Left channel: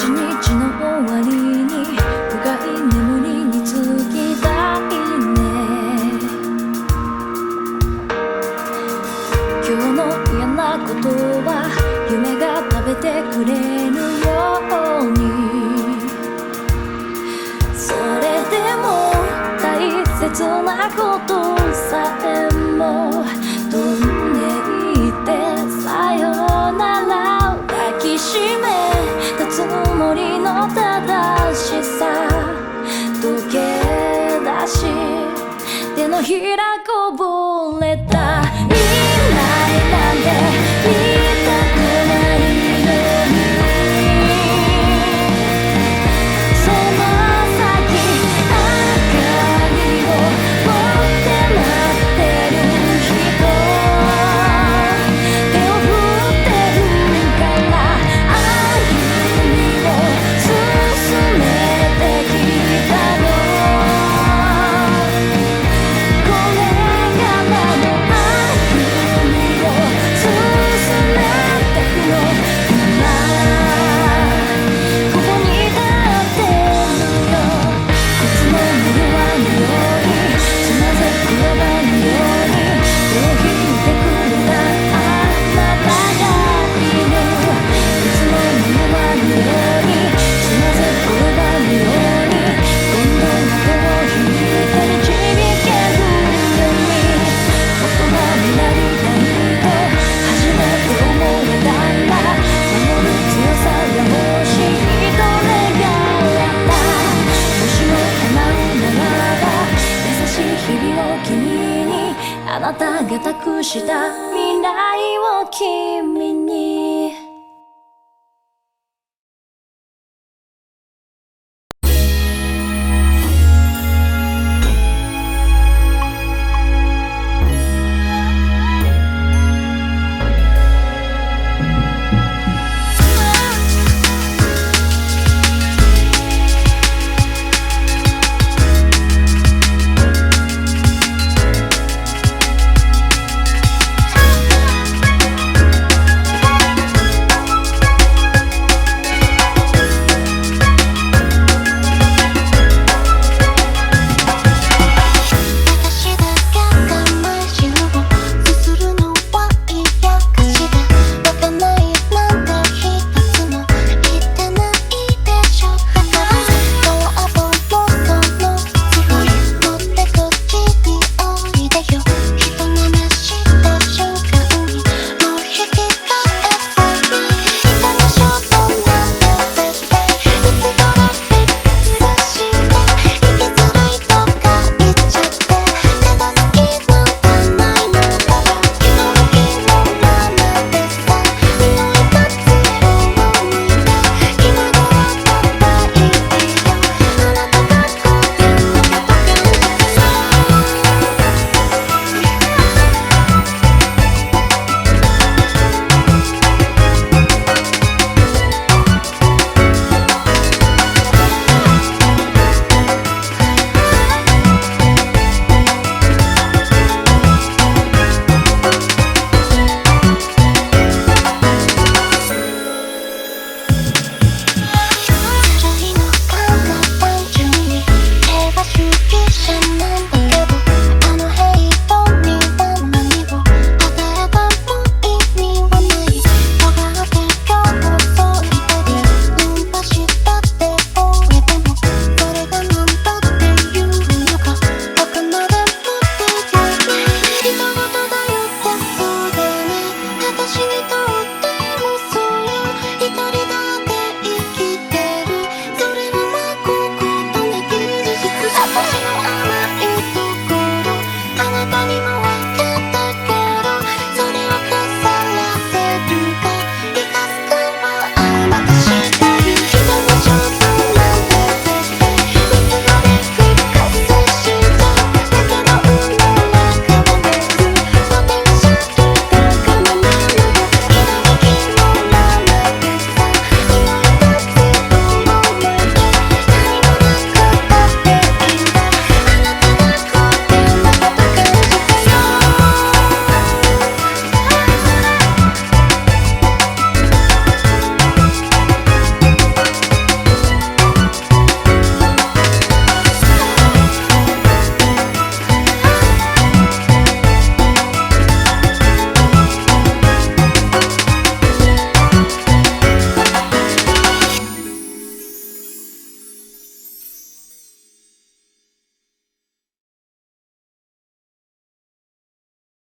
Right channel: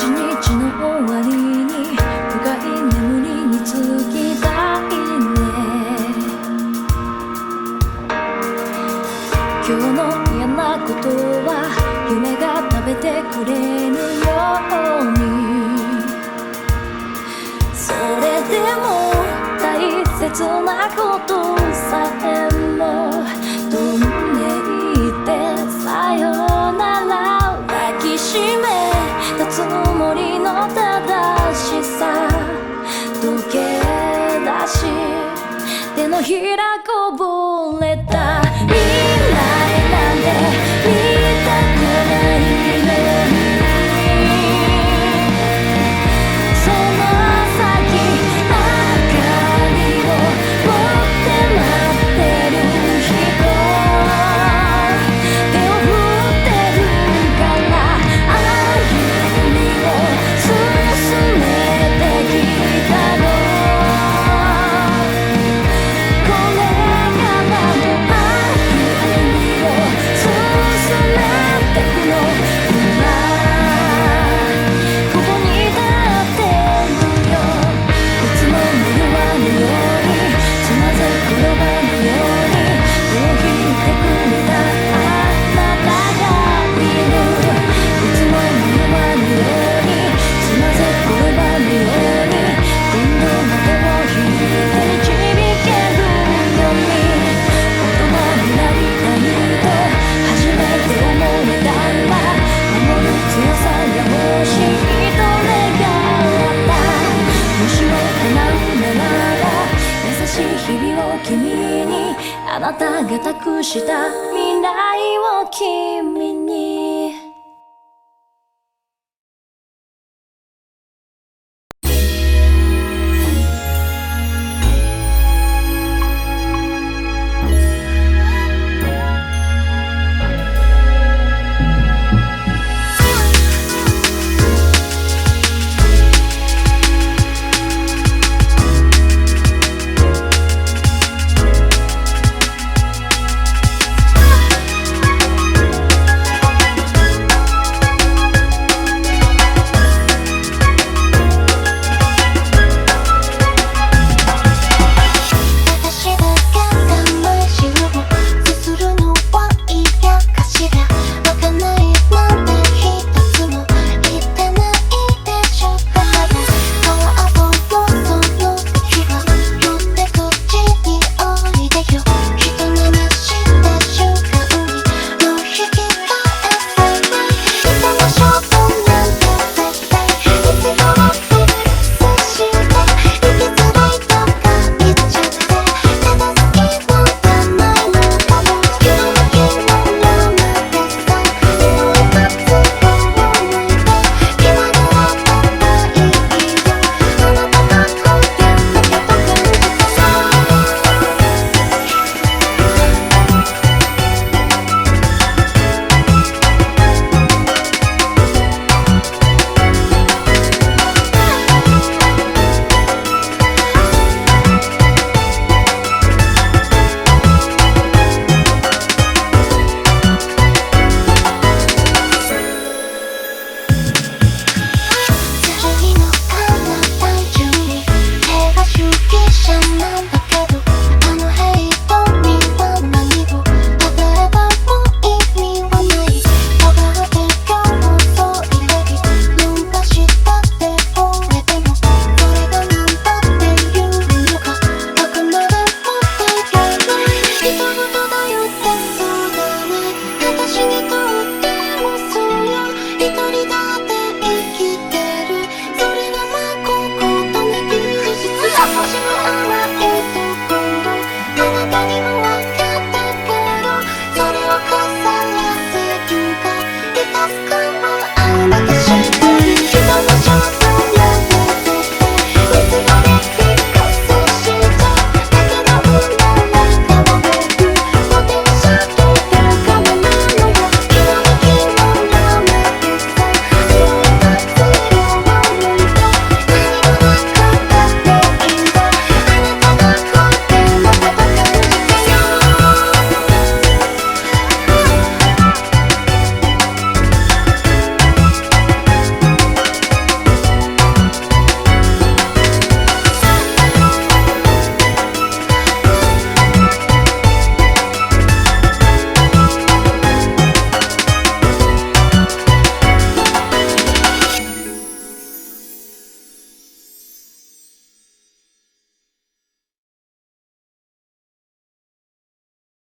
一日の終わりに深い眠りにつきたいね。今日の嫌なことは夢が食べてくれるように、それでも大切なことさえも飛んでいってさよなら抱きしめたつもりの正しさ溶け出し手のひらこぼれた未来なんて見たくないのに、その先明かりを持って待ってる人手を振ってるから歩みを進めてきたの。これからの歩みを進めてくの。今ここに立ってるよ。いつもの弱のようにつまずく転ばぬように手を引いてくれたあなたがいる。いつもの弱のようにつまずく転ばぬように今度は手を引いて導けるように大人になりたいと初めて思えたんだ。守る強さが欲しいと願った。もしも叶うならば優しい日々を君にあなたが託した未来を君に